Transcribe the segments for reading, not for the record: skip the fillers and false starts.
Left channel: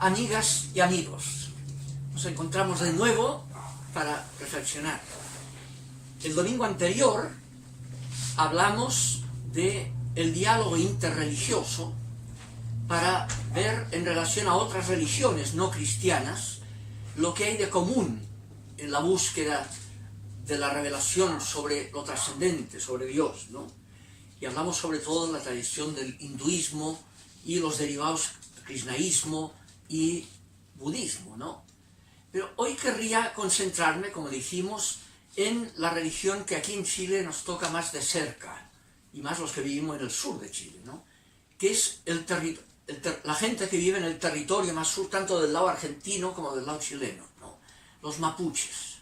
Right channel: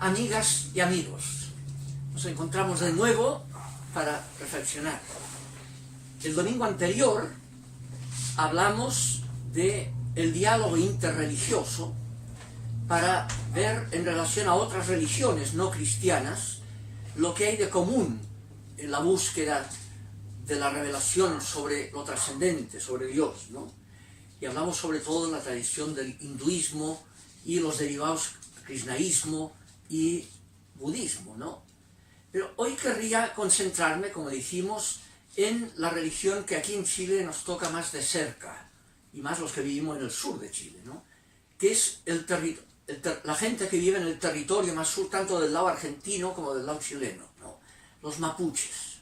Amigas y amigos, nos encontramos de nuevo para reflexionar. El domingo anterior hablamos del diálogo interreligioso para ver en relación a otras religiones no cristianas lo que hay de común en la búsqueda de la revelación sobre lo trascendente, sobre Dios, ¿no? Y hablamos sobre todo de la tradición del hinduismo y los derivados krishnaísmo y budismo, ¿no? Pero hoy querría concentrarme, como dijimos, en la religión que aquí en Chile nos toca más de cerca, y más los que vivimos en el sur de Chile, ¿no? Que es la gente que vive en el territorio más sur, tanto del lado argentino como del lado chileno, ¿no? Los mapuches.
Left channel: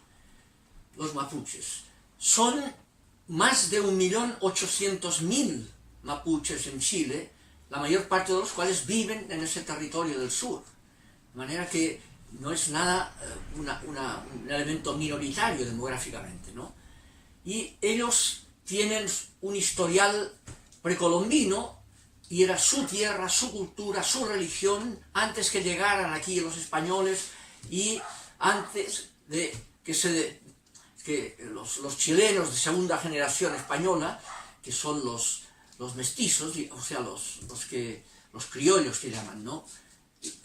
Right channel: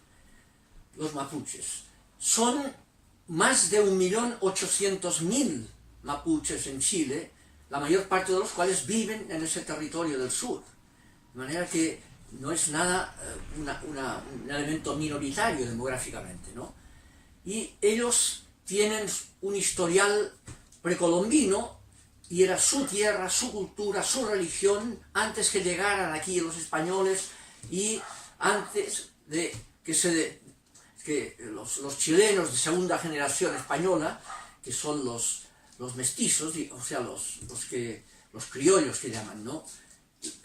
Los mapuches. Son más de 1.800.000 mapuches en Chile, la mayor parte de los cuales viven en ese territorio del sur. De manera que no es nada un elemento minoritario demográficamente, ¿no? Y ellos tienen un historial precolombino, y era su tierra, su cultura, su religión, antes que llegaran aquí los españoles y antes de que los chilenos de segunda generación española, que son los mestizos, o sea, los criollos que llaman, ¿no?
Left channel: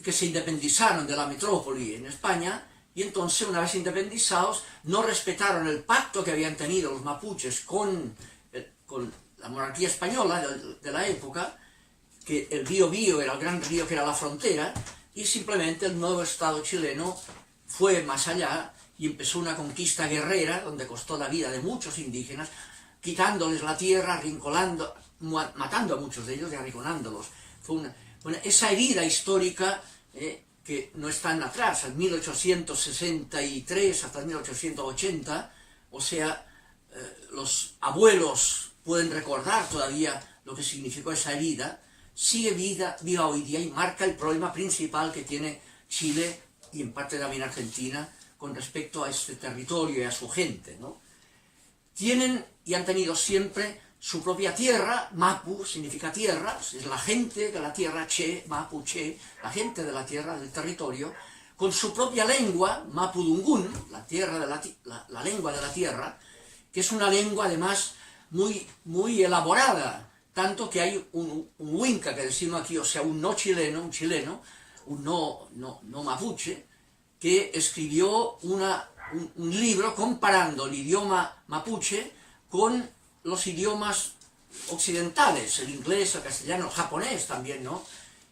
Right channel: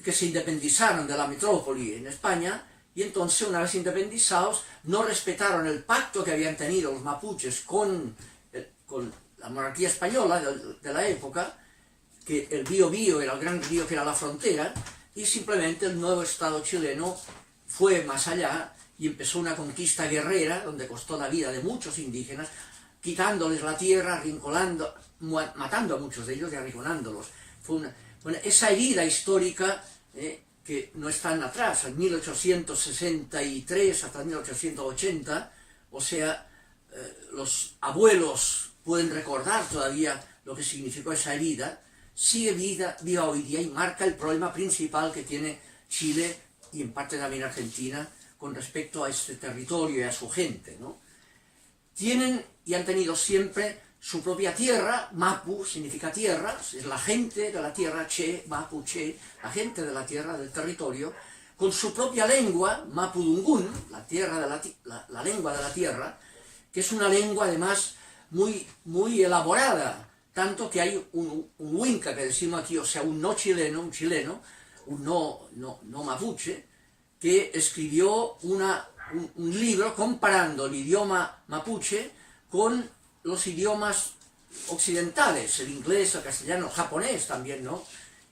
Que se independizaron de la metrópoli en España, y entonces, una vez independizados, no respetaron el pacto que habían tenido los mapuches con la monarquía española de la época, que el Biobío era el gran río que era la frontera, y simplemente el nuevo Estado chileno fue más allá y empezó una conquista guerrera donde costó la vida de muchos indígenas, quitándoles la tierra, arrinconando, matando a muchos de ellos y arrinconándolos. Esa herida histórica que no es tan atrás, en 1863 hasta 1880, o sea, los abuelos pueden recordar todavía lo que significó esa herida, sigue viva hoy día y marca el problema principal que tiene Chile y en parte también Argentina con respecto a este territorio y a su gente, ¿no? Tienen y han tenido siempre su propia tierra. Mapu significa tierra, es la gente de la tierra, che, mapu, che, la gente de la tierra, del territorio, con su propia lengua, mapudungún, la lengua de la tierra, que es una lengua además muy elaborada, tanto que hay un huinca que decimos aquí, o sea, un chileno, un no mapuche, que escribió un libro comparando el idioma mapuche con los idiomas occidentales, el inglés, el castellano, el japonés también, ¿no?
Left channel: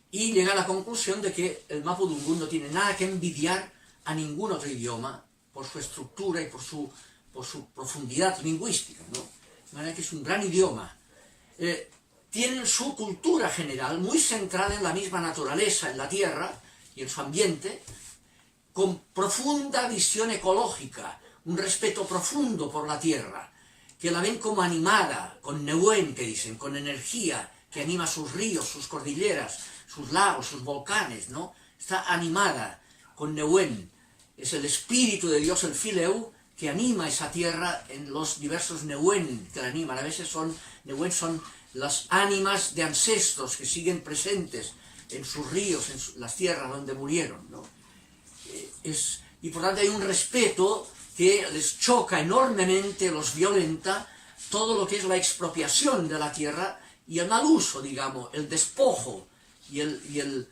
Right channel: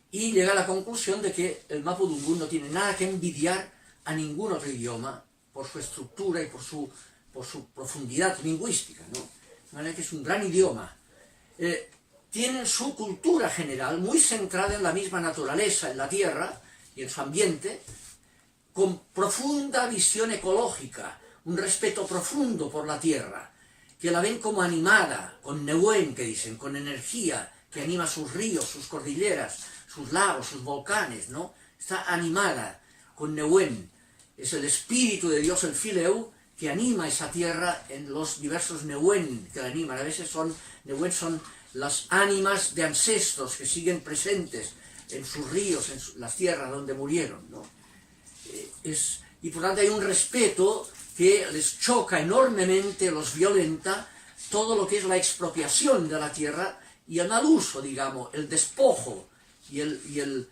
Y llega a la conclusión de que el mapudungún no tiene nada que envidiar a ningún otro idioma por su estructura y por su profundidad lingüística, ¿no? De manera que es un gran idioma. Tienen su cultura general muy centrada en la misma naturaleza, en la tierra y en su ambiente, con profunda visión ecológica, un respeto profundo por la tierra, que la ven como animada, con nehuén, que dicen, con energía, que anima sus ríos, sus cordilleras, sus lagos, sus volcanes, ¿no? Está animada con nehuén. Es el espíritu de Dios, el fileu, que anima esa tierra en los diversos nehuén que la animan. A veces nehuén son las ánimas de ancestros que siguen presentes en sus ríos, en las tierras donde murieron, ¿no? Y por tanto hay un respeto que les choca enormemente, los violenta, todo lo que es la expropiación de la tierra y el mal uso, digamos, el despojo y el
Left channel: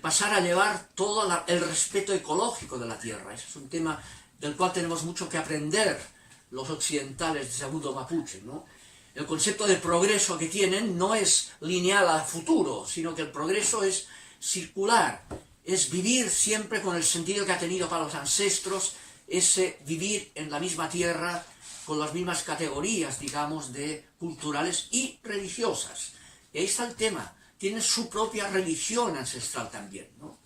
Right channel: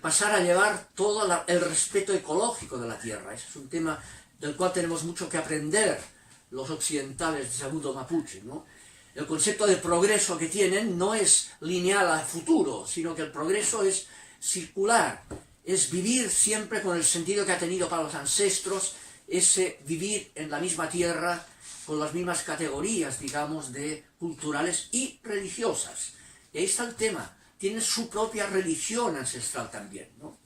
pasar a llevar todo el respeto ecológico de la tierra. Ese es un tema del cual tenemos mucho que aprender los occidentales de segundo mapuche, ¿no? El concepto de progreso que tienen no es lineal a futuro, sino que el progreso es circular, es vivir siempre con el sentido que ha tenido para los ancestros, ese vivir en la misma tierra, con las mismas categorías, digamos, culturales y religiosas. Y ahí está el tema, tienen su propia religión ancestral también, ¿no?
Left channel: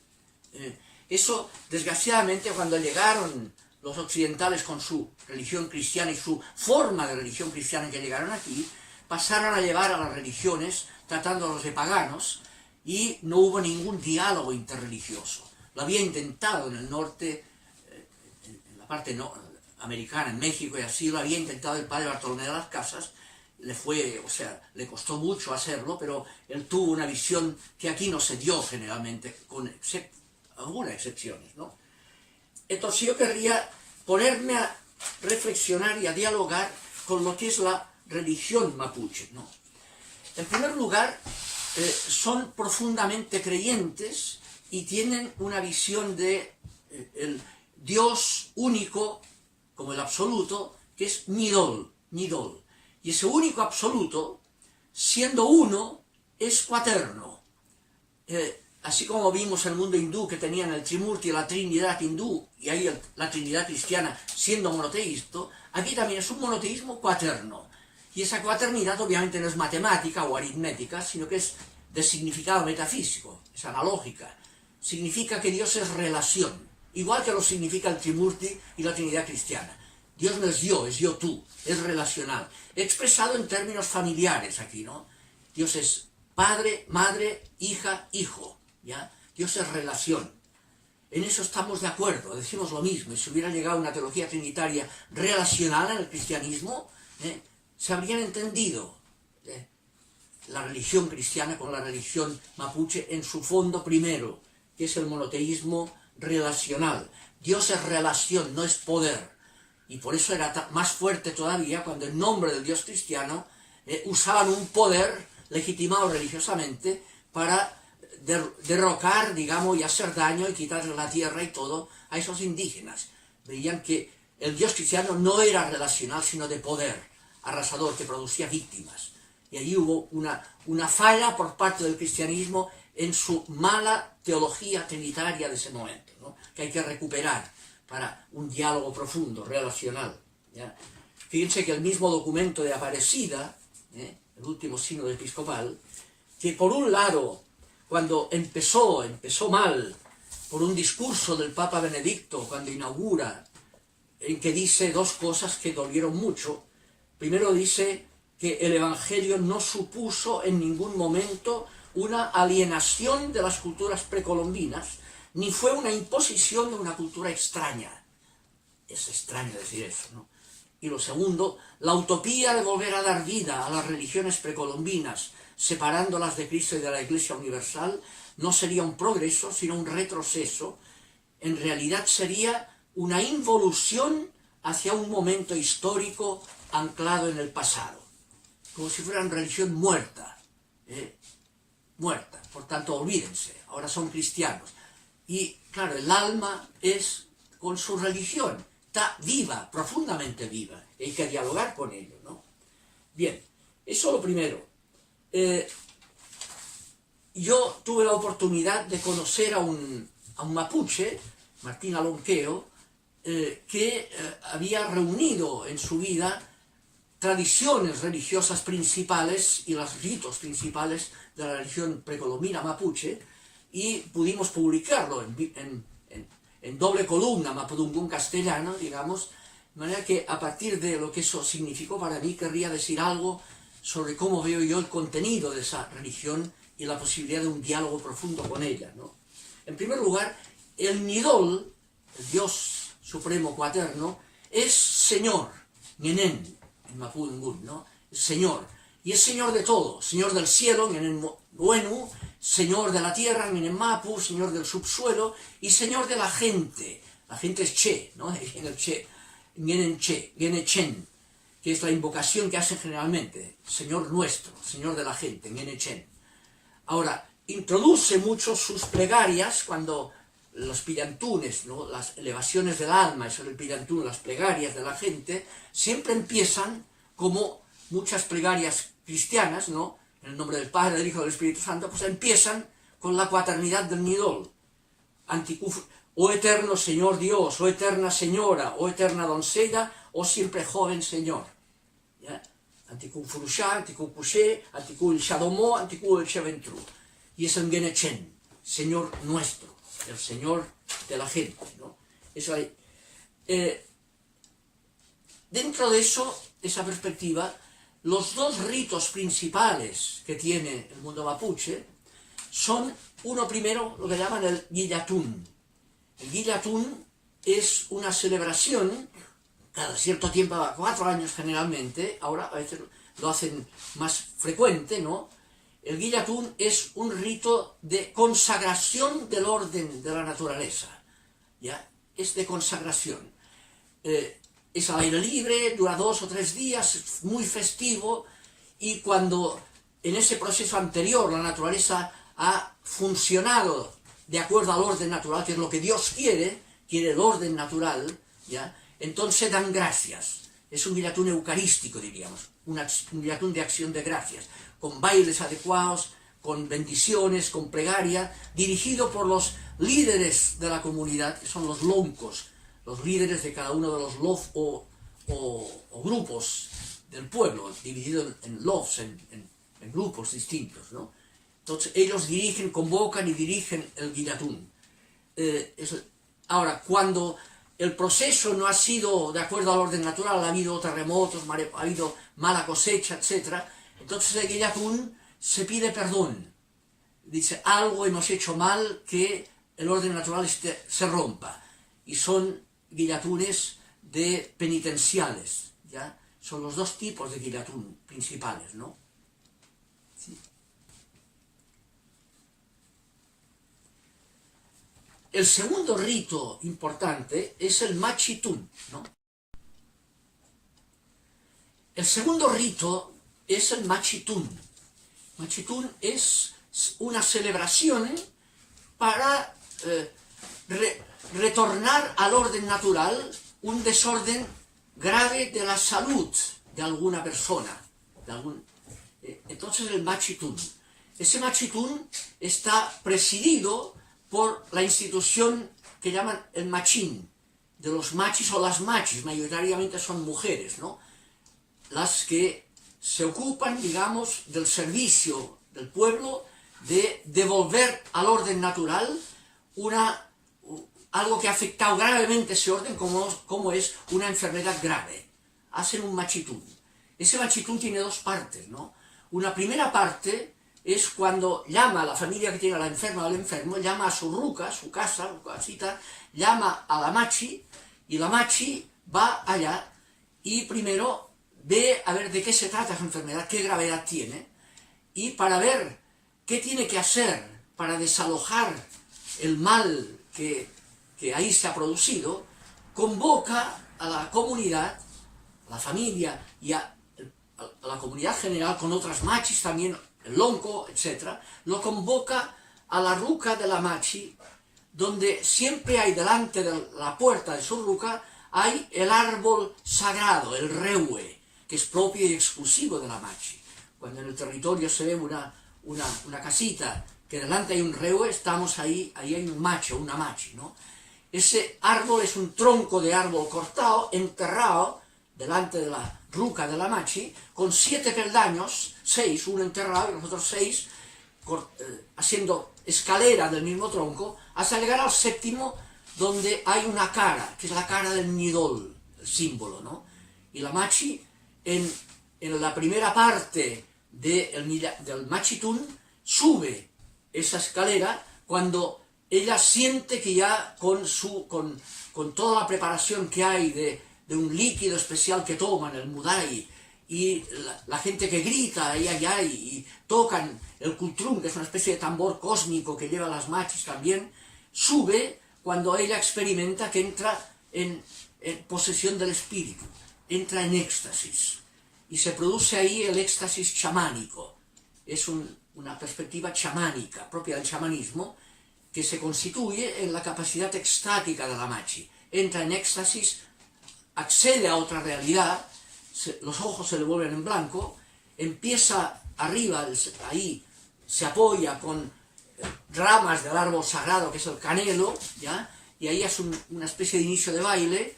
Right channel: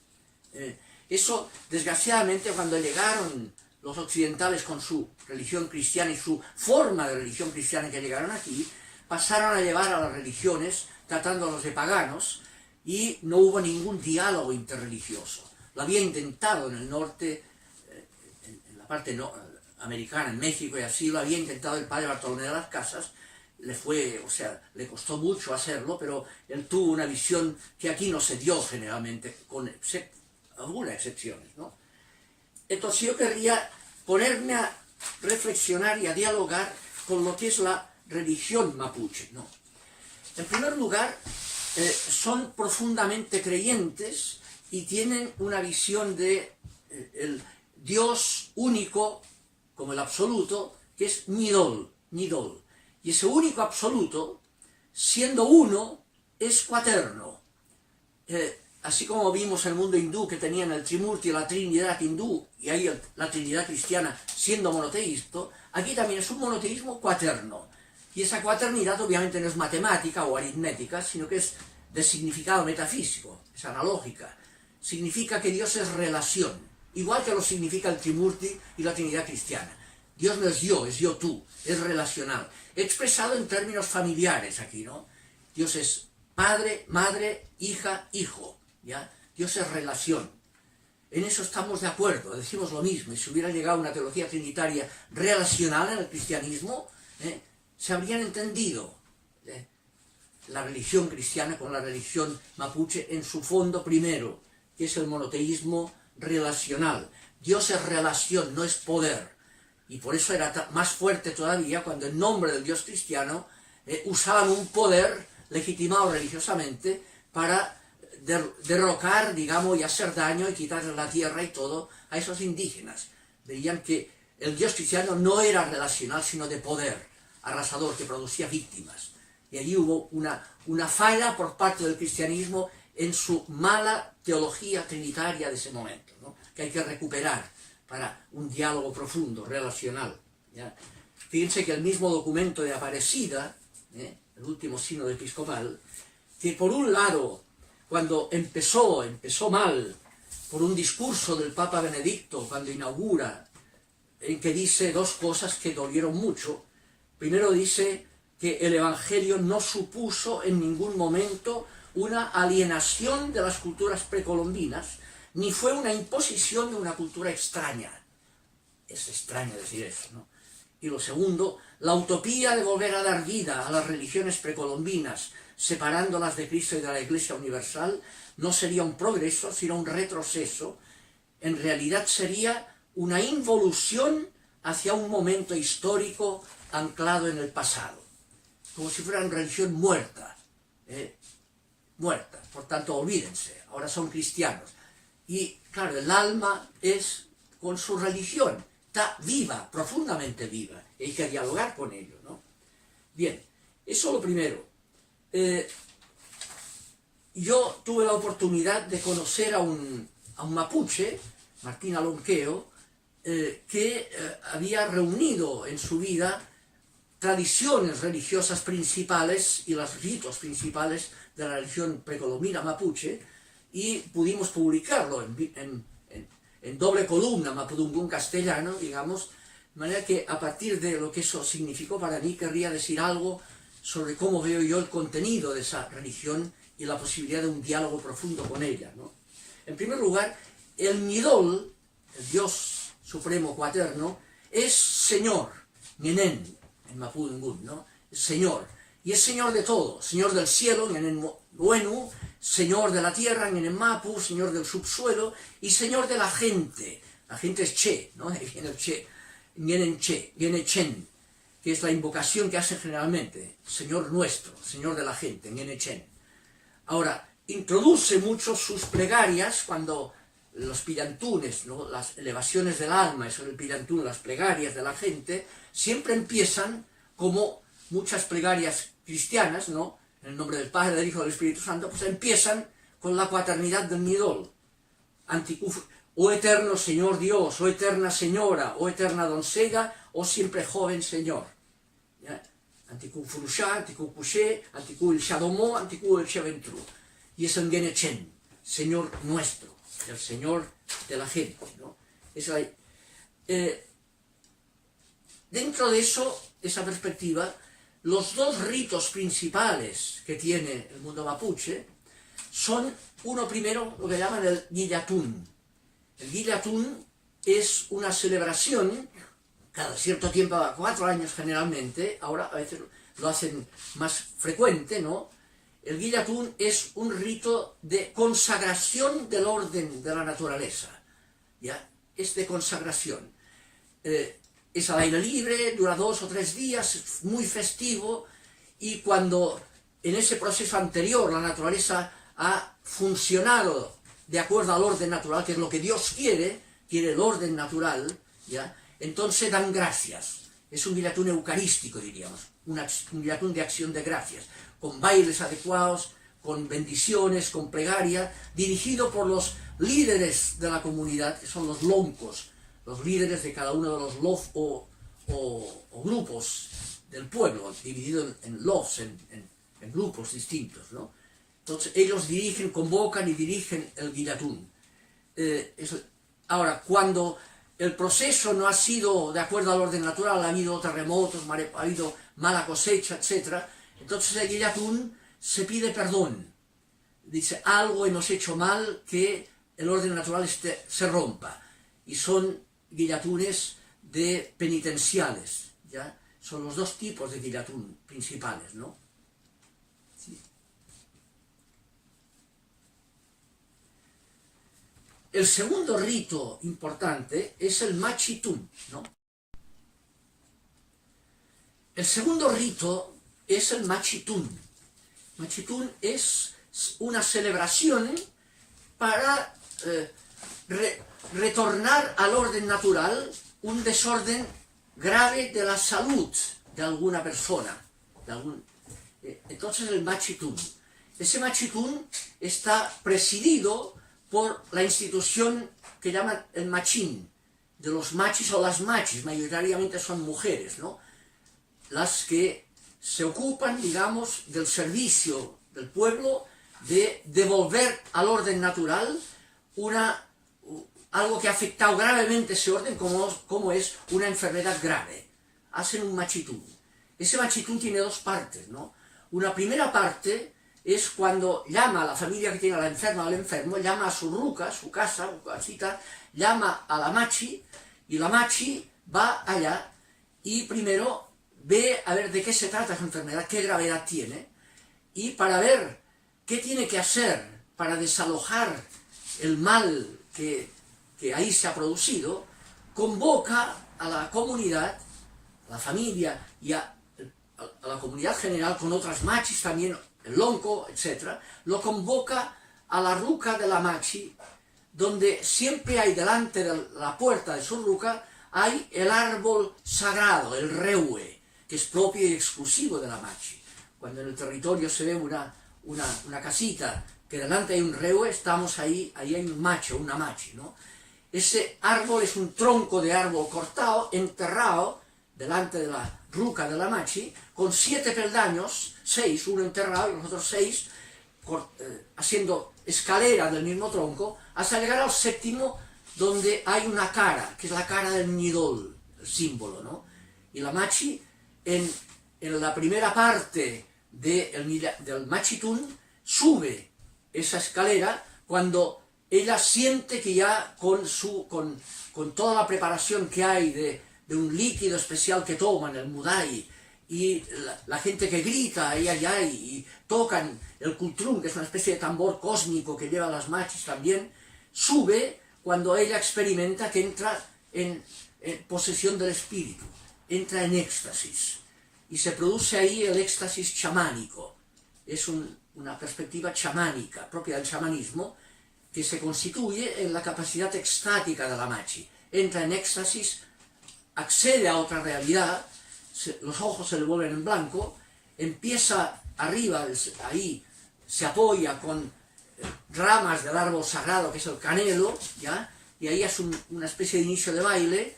Eso, desgraciadamente, cuando llegaron los occidentales con su religión cristiana y su forma de religión cristiana que llegaron aquí, pasaron a llevar a las religiones tratándolos de paganos y no hubo ningún diálogo interreligioso. Lo había intentado en el norte, en la parte americana, en México y así, lo había intentado el padre Bartolomé de las Casas, le costó mucho hacerlo, pero él tuvo una visión que aquí no se dio generalmente, con algunas excepciones, ¿no? Entonces yo querría ponerme a reflexionar y a dialogar con lo que es la religión mapuche, ¿no? En primer lugar, son profundamente creyentes y tienen una visión de el Dios único, como el absoluto, que es Nidol. Y ese único absoluto, siendo uno, es cuaterno. Así como vimos el mundo hindú que tenían el Trimurti, la Trinidad hindú, y ahí la Trinidad cristiana siendo monoteísta, aquí también es un monoteísmo cuaterno. Y esa cuaternidad obviamente no es matemática o aritmética, sino que es de significado metafísico, es analógica. Significa que Dios es relación, igual que lo significa el Trimurti y la Trinidad cristiana. Dios no es yo tú, es relacional. Expresado en términos familiares aquí, ¿no? Dios es padre, madre, hija, hijo, ¿ya? Dios es relación. En eso estamos de acuerdo, decimos lo mismo. Y si hubiera llegado una teología trinitaria relacional en el cristianismo, se habrían entendido la religión cristiana con la religión mapuche en su fondo primero, que es el monoteísmo relacional. Dios es relación, no es poder. Y por eso era más fuerte todavía cuando en nombre del Dios cristiano usaban un poder legitimado religiosamente para derrocar, digamos, y hacer daño y quitarle la tierra y todo a esos indígenas. Veían que el Dios cristiano no era relacional, sino de poder, arrasador, que producía víctimas. Y allí hubo una falla por parte del cristianismo en su mala teología trinitaria de ese momento, ¿no? Que hay que recuperar para un diálogo profundo, relacional, ¿ya? Fíjense que el mismo documento de Aparecida, el último sínodo episcopal, que por un lado, cuando empezó mal, por un discurso del Papa Benedicto, cuando inaugura, en que dice dos cosas que dolieron mucho. Primero dice que el Evangelio no supuso en ningún momento una alienación de las culturas precolombinas, ni fue una imposición de una cultura extraña. Es extraño decir eso, ¿no? Y lo segundo, la utopía de volver a dar vida a las religiones precolombinas, separándolas de Cristo y de la Iglesia Universal, no sería un progreso, sino un retroceso. En realidad sería una involución hacia un momento histórico anclado en el pasado, como si fuera una religión muerta, muerta. Por tanto, olvídense, ahora son cristianos. Y claro, el alma es con su religión, está viva, profundamente viva, y hay que dialogar con ello, ¿no? Bien, eso lo primero. Yo tuve la oportunidad de conocer a un mapuche, Martín Alonqueo, que había reunido en su vida tradiciones religiosas principales y los ritos principales de la religión precolombina mapuche, y pudimos publicarlo en doble columna, mapudungún castellano, digamos, de manera que a partir de lo que eso significó para mí, querría decir algo sobre cómo veo yo el contenido de esa religión y la posibilidad de un diálogo profundo con ella, ¿no? En primer lugar, el Nidol, el Dios supremo cuaterno, es Señor, Ñenen, en mapudungún, ¿no? Señor. Y es Señor de todo, Señor del cielo, Ñenen Nuenu, Señor de la tierra, Ñenen Mapu, Señor del subsuelo, y Señor de la gente. La gente es Che, ¿no? En el Che, Ñenen Che, Ñenen Chen, que es la invocación que hacen generalmente, Señor nuestro, Señor de la gente, Ñenen Chen. Ahora, introduce mucho sus plegarias cuando los pillantunes, ¿no? Las elevaciones del alma, eso del pillantún, las plegarias de la gente, siempre empiezan como muchas plegarias cristianas, ¿no? En el nombre del Padre, del Hijo y del Espíritu Santo, pues empiezan con la cuaternidad del Nidol. Oh eterno Señor Dios, oh eterna Señora, oh eterna doncella, oh siempre joven Señor. ¿Ya? Anticú Furushá, Anticú Puché, Anticú el Shadomó, Anticú el Cheventru. Y es el Genechen, Señor nuestro, el Señor de la gente, ¿no? Eso hay. Dentro de eso, esa perspectiva, los dos ritos principales que tiene el mundo mapuche son, uno primero, lo que llaman el Guillatún. El Guillatún es una celebración, cada cierto tiempo, cada 4 años generalmente, ahora a veces lo hacen más frecuente, ¿no? el guillatún es un rito de consagración del orden de la naturaleza, ¿ya? Es de consagración. Es al aire libre, dura 2 o 3 días, es muy festivo, y cuando en ese proceso anterior la naturaleza ha funcionado de acuerdo al orden natural, que es lo que Dios quiere el orden natural, ¿ya? Entonces dan gracias. Es un guillatún eucarístico, diríamos, un guillatún de acción de gracias, con bailes adecuados, con bendiciones, con plegaria, dirigido por los líderes de la comunidad, que son los loncos, los líderes de cada uno de los lof o grupos del pueblo, dividido en lofs, en grupos distintos, ¿no? Entonces ellos dirigen, convocan y dirigen el guillatún. Ahora, cuando el proceso no ha sido de acuerdo al orden natural, ha habido terremotos, ha habido mala cosecha, etc., entonces el guillatún se pide perdón. Dice, algo hemos hecho mal, que el orden natural se rompa. Y son guillatunes penitenciales, ¿ya? Son los 2 tipos de guillatún principales, ¿no? Sí. El segundo rito importante es el machitún, ¿no? El segundo rito es el machitún. Machitún es una celebración para retornar al orden natural un desorden grave de la salud de alguna persona. Entonces el machitún. Ese machitún está presidido por la institución que llaman el machín, de los machis o las machis, mayoritariamente son mujeres, ¿no? Las que se ocupan, digamos, del servicio del pueblo, de devolver al orden natural algo que ha afectado gravemente ese orden, como es una enfermedad grave. Hacen un machitún. Ese machitún tiene 2 partes, ¿no? Una primera parte es cuando llama a la familia que tiene a la enferma o al enfermo, llama a su ruca, su casa, su casita, llama a la machi, y la machi va allá y primero ve a ver de qué se trata esa enfermedad, qué gravedad tiene, y para ver qué tiene que hacer para desalojar el mal que ahí se ha producido, convoca a la comunidad, a la familia y a la comunidad general, con otras machis también, el lonco, etc., lo convoca a la ruca de la machi, donde siempre hay delante de la puerta de su ruca, hay el árbol sagrado, el reue, que es propio y exclusivo de la machi. Cuando en el territorio se ve una casita que delante hay un reue, estamos ahí hay un macho, una machi, ¿no? Ese árbol es un tronco de árbol cortado, enterrado, delante de la ruca de la machi, con 7 peldaños, 6, uno enterrado y los otros 6, haciendo escalera del mismo tronco, hasta llegar al 7º, donde hay una cara, que es la cara del nidol, el símbolo, ¿no? Y la machi, en la primera parte del machitún, sube esa escalera cuando ella siente que ya con toda la preparación que hay de un líquido especial que toman, el mudai, y la gente que grita ahí allá y tocan el kultrum, que es una especie de tambor cósmico que lleva las machis también, sube cuando ella experimenta que entra en posesión del espíritu, entra en éxtasis, y se produce ahí el éxtasis chamánico. Es una perspectiva chamánica, propia del chamanismo, que se constituye en la capacidad extática de la machi. Entra en éxtasis, accede a otra realidad, los ojos se le vuelven en blanco, empieza arriba, ahí se apoya con ramas del árbol sagrado, que es el canelo, ¿ya? Y ahí es una especie de inicio de baile,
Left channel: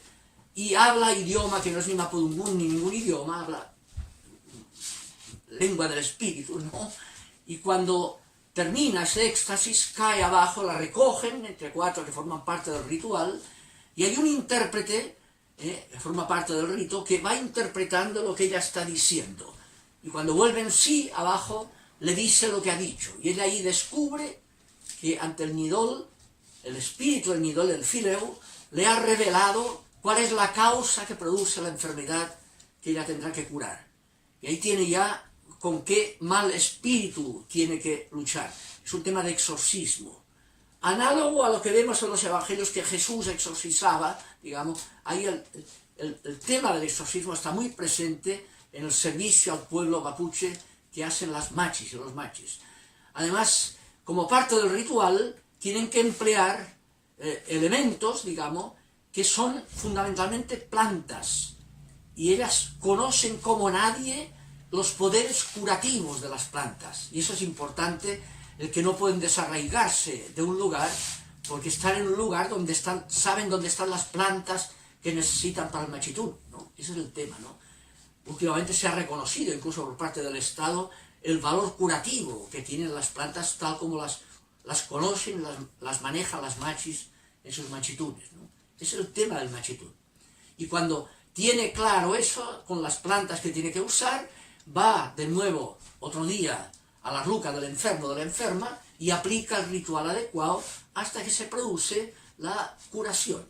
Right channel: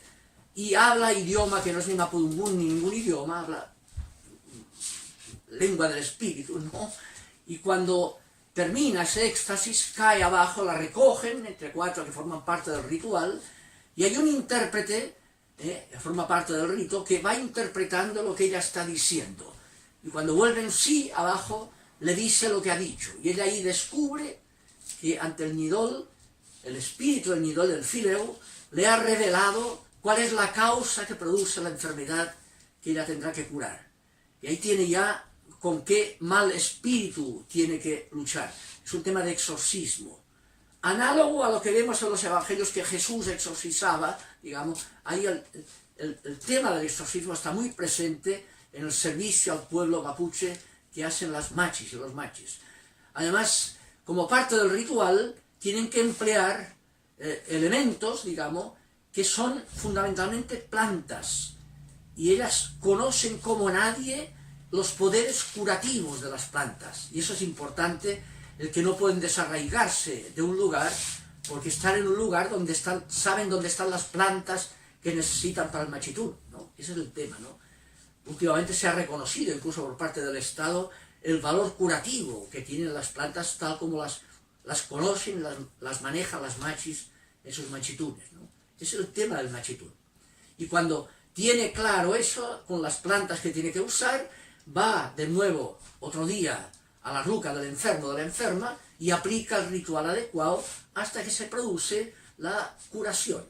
y habla idioma que no es ni mapudungún ni ningún idioma, habla lengua del espíritu, ¿no? Y cuando termina ese éxtasis, cae abajo, la recogen entre 4 que forman parte del ritual, y hay un intérprete, que forma parte del rito, que va interpretando lo que ella está diciendo. Y cuando vuelve en sí, abajo, le dice lo que ha dicho. Y ella ahí descubre que ante el nidol, el espíritu del nidol, el fileu, le ha revelado cuál es la causa que produce la enfermedad que ella tendrá que curar. Y ahí tiene ya con qué mal espíritu tiene que luchar. Es un tema de exorcismo. Análogo a lo que vemos en los evangelios que Jesús exorcizaba, digamos, ahí el tema del exorcismo está muy presente en el servicio al pueblo mapuche que hacen las machis y los machis. Además, como parte del ritual, tienen que emplear elementos, digamos, que son fundamentalmente plantas, y ellas conocen como nadie los poderes curativos de las plantas, y eso es importante, el que no pueden desarraigarse de un lugar, porque están en un lugar donde saben dónde están las plantas que necesitan para el machitún, ¿no? Ese es el tema, ¿no? Últimamente se ha reconocido, incluso por parte del Estado, el valor curativo que tienen las plantas tal como las conocen, las manejan las machis en sus machitunes, ¿no? Ese es el tema del machitún. Y cuando tiene claro eso, con las plantas que tiene que usar, va de nuevo otro día a la ruca del enfermo o de la enferma y aplica el ritual adecuado hasta que se produce la curación.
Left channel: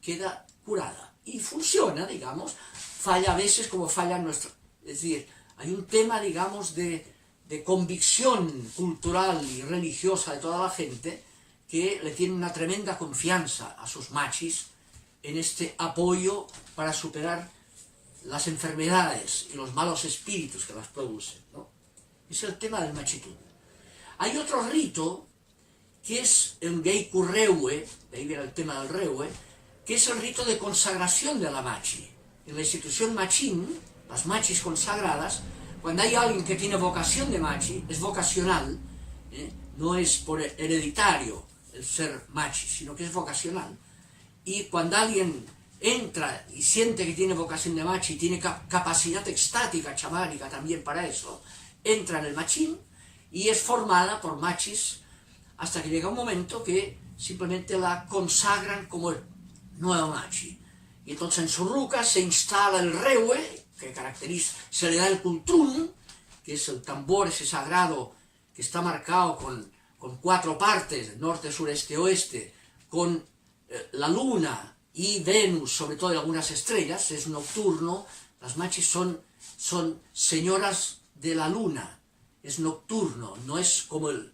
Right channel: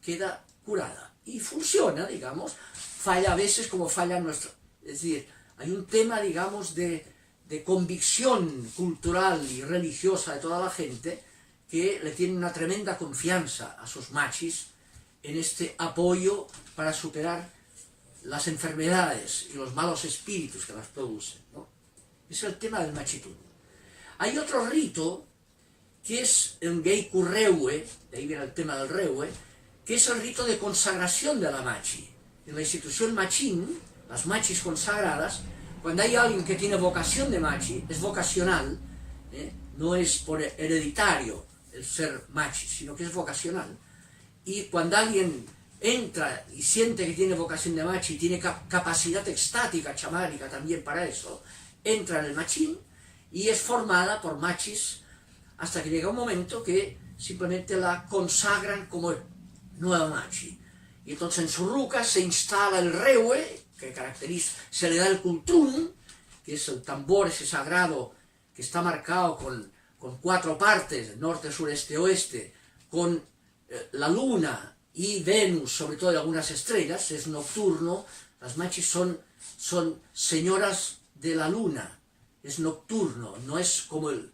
Queda curada. Y funciona, digamos, falla a veces como falla nuestro. Es decir, hay un tema, digamos, de convicción cultural y religiosa de toda la gente que le tiene una tremenda confianza a sus machis en este apoyo para superar las enfermedades y los malos espíritus que las producen, ¿no? Es el tema del machitún. Hay otro rito que es el Geiku Reue, de ahí viene el tema del Reue, que es el rito de consagración de la machi. En la institución machín, las machis consagradas, cuando hay alguien que tiene vocación de machi, es vocacional, no es por hereditario el ser machi, sino que es vocacional. Y cuando alguien entra y siente que tiene vocación de machi, y tiene capacidad extática, chamánica también para eso, entra en el machín y es formada por machis hasta que llega un momento que simplemente la consagran como nueva machi. Y entonces en su ruca se instala el reue, que caracteriza, se le da el cultrún, que es el tambor ese sagrado que está marcado con 4 partes, norte, sureste, oeste, con la luna y Venus, sobre todo, y algunas estrellas, es nocturno. Las machis son señoras de la luna, es nocturno, no es como el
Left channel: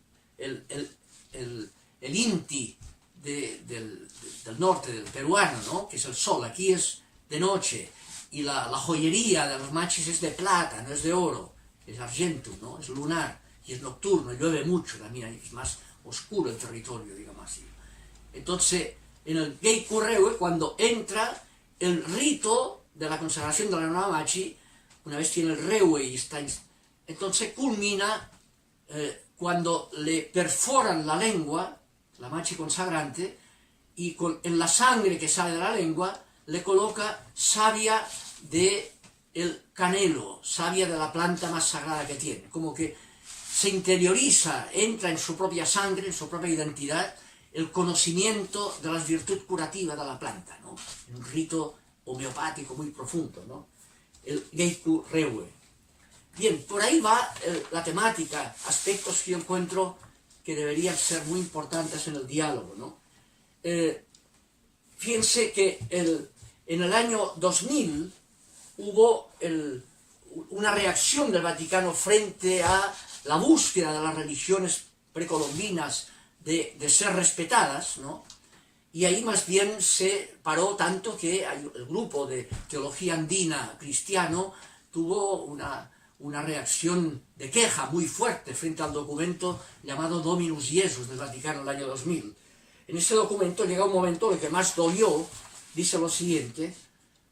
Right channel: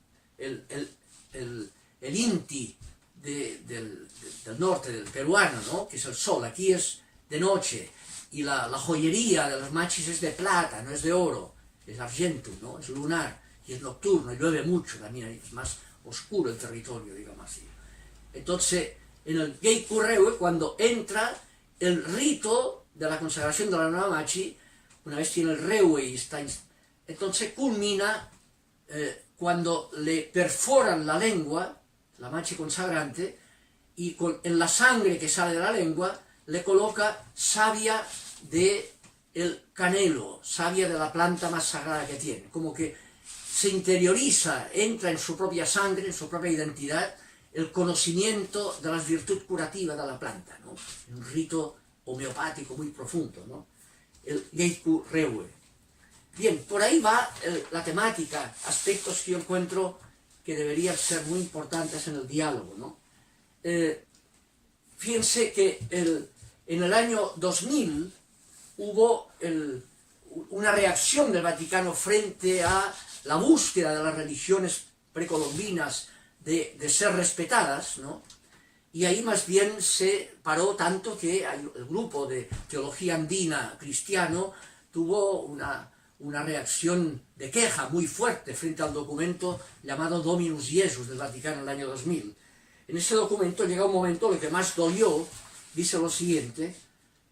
inti del norte, del peruano, ¿no? Que es el sol. Aquí es de noche, y la joyería de los machis es de plata, no es de oro, es argento, ¿no? Es lunar, y es nocturno, y llueve mucho también, es más oscuro el territorio, digamos así. Entonces, en el Geiku Reue, cuando entra el rito de la consagración de la nueva machi, una vez tiene el reue y está, entonces culmina cuando le perforan la lengua, la machi consagrante, y en la sangre que sale de la lengua le coloca savia de el canelo, savia de la planta más sagrada que tiene, como que se interioriza, entra en su propia sangre, en su propia identidad, el conocimiento de las virtudes curativas de la planta, ¿no? Un rito homeopático muy profundo, ¿no? El Geiku Reue. Bien, por ahí va la temática, aspectos que yo encuentro que deberían ser muy importantes en el diálogo, ¿no? Fíjense que en el año 2000 hubo una reacción del Vaticano frente a la búsqueda de las religiones precolombinas de ser respetadas, ¿no? Y ahí más bien se paró tanto que el grupo de teología andina cristiano tuvo una reacción de queja muy fuerte frente al documento llamado Dominus Jesus del Vaticano en el año 2000. En ese documento llega un momento, lo que más dolió, dice lo siguiente,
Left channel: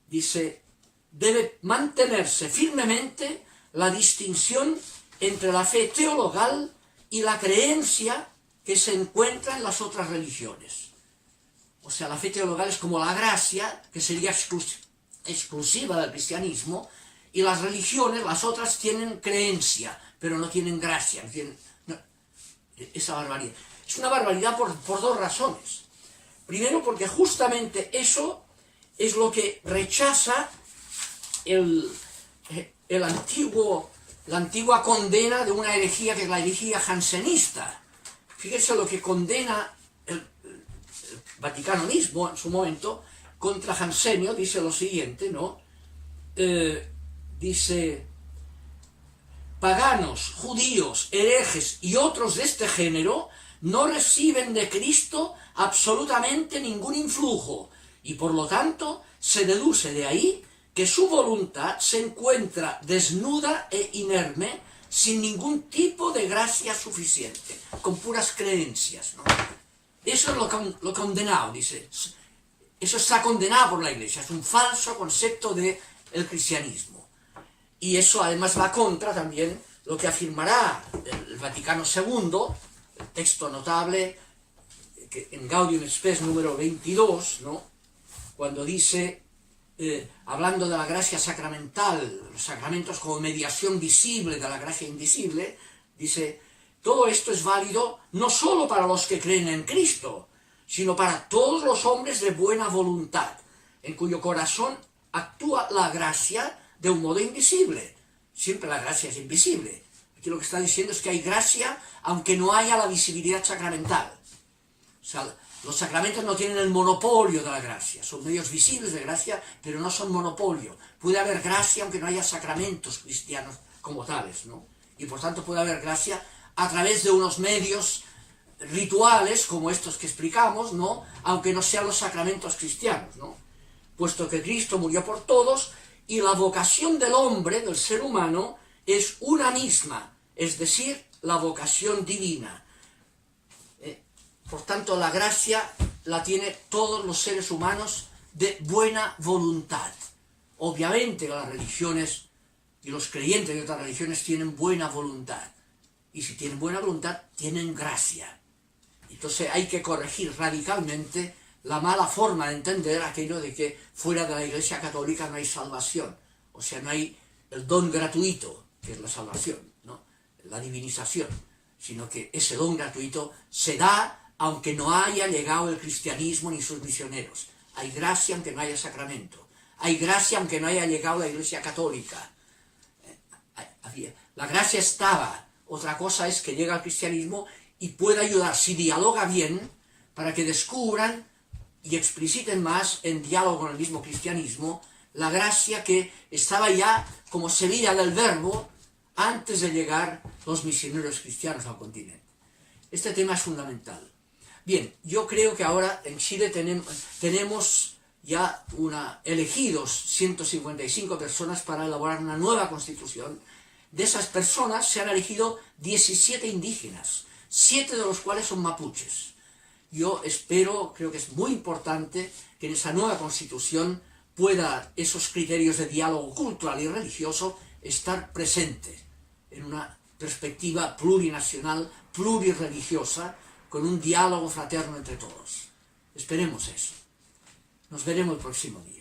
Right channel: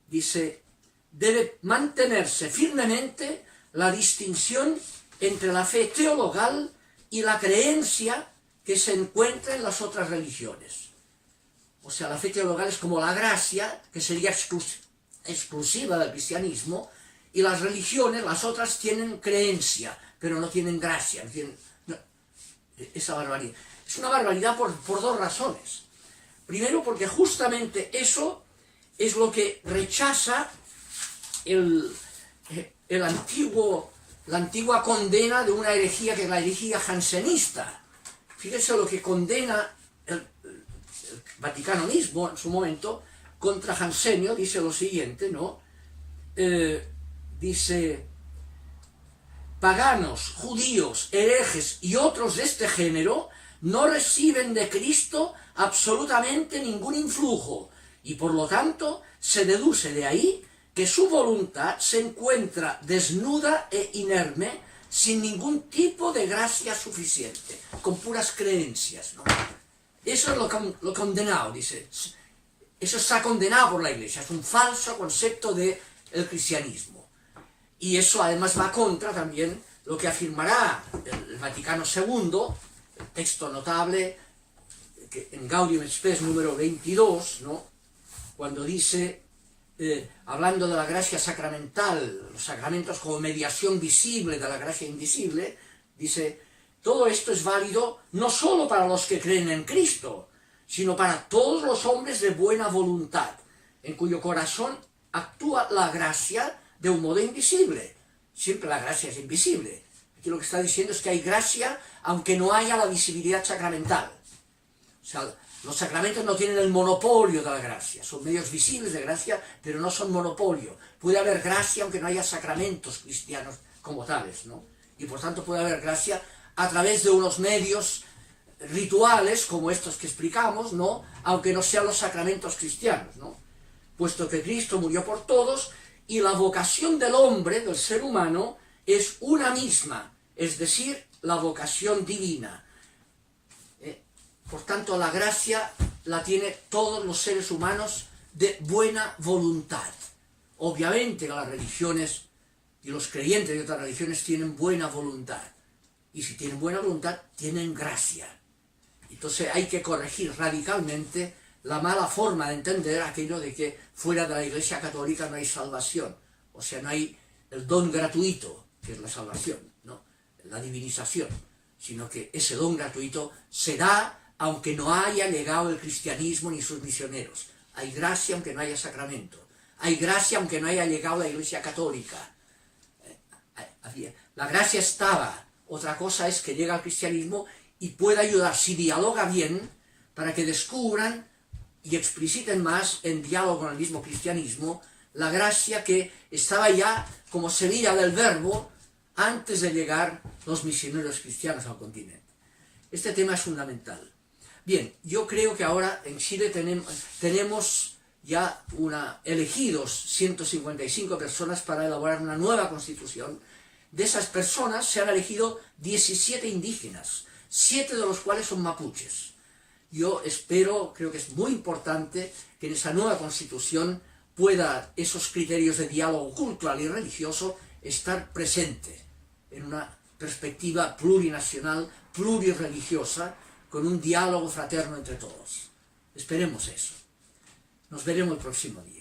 dice: debe mantenerse firmemente la distinción entre la fe teologal y la creencia que se encuentra en las otras religiones. O sea, la fe teologal es como la gracia, que sería exclusiva del cristianismo, y las religiones, las otras, tienen creencia, pero no tienen gracia. Esa barbaridad. Es una barbaridad por 2 razones. Primero, porque justamente eso es lo que rechaza la antigua condena de una herejía, que es la herejía jansenista. Fíjense lo que condena el Vaticano mismo en su momento contra Jansenio. Dice lo siguiente, ¿no? Dice: paganos, judíos, herejes y otros de este género no reciben de Cristo absolutamente ningún influjo, y por lo tanto se deduce de ahí que su voluntad se encuentra desnuda e inerme, sin ningún tipo de gracia suficiente, con puras creencias, ¿no? Eso es lo condenado, dice. Eso está condenado por la Iglesia, es un falso concepto del cristianismo. Y eso además va contra también lo que afirmará el Vaticano II, el texto notable que en Gaudium et Spes número 22, ¿no? Cuando dice, hablando de la gracia sacramental, los sacramentos como mediación visible de la gracia invisible, dice, todo esto es válido no solo para los que creen en Cristo, sino para todos los hombres de buena voluntad, en cuyo corazón actúa la gracia de un modo invisible. Siempre la gracia es invisible. Aquí lo que está diciendo es que hay gracia aunque no haya la visibilidad sacramental. O sea, los sacramentos no tienen el monopolio de la gracia, son medios visibles de gracia, pero no son monopolio. Puede haber gracia aunque no haya sacramentos cristianos como tales, ¿no? Y por tanto puede haber gracia a través de unos medios rituales como estos que explicamos, ¿no? Aunque no sean los sacramentos cristianos, ¿no? Puesto que Cristo murió por todos y la vocación del hombre, del ser humano, es una misma, es decir, la vocación divina. Por tanto, la gracia la tienen todos los seres humanos de buena voluntad. Obviamente las religiones y los creyentes de otras religiones tienen buena voluntad. Y si tienen buena voluntad, tienen gracia. Entonces hay que corregir radicalmente la mala forma de entender aquello de que fuera de la Iglesia Católica no hay salvación. O sea, no hay el don gratuito, que es la salvación, ¿no? La divinización. Sino que ese don gratuito se da aunque no haya llegado el cristianismo ni sus misioneros. Hay gracia aunque no haya sacramento. Hay gracia aunque no haya llegado la Iglesia Católica. La gracia estaba. Otra cosa es que llega al cristianismo y puede ayudar, si dialoga bien, para que descubran y expliciten más en diálogo con el mismo cristianismo la gracia que estaba ya como semilla del verbo antes de llegar los misioneros cristianos al continente. Este tema es fundamental. Bien, yo creo que ahora en Chile tenemos ya elegidos 155 personas para elaborar una nueva constitución. De esas personas se han elegido 17 indígenas, 7 de los cuales son mapuches. Yo espero, creo que es muy importante que en esa nueva constitución pueda esos criterios de diálogo cultural y religioso estar presentes en una perspectiva plurinacional, plurirreligiosa, con un diálogo fraterno entre todos. Esperemos eso. Nos veremos el próximo día.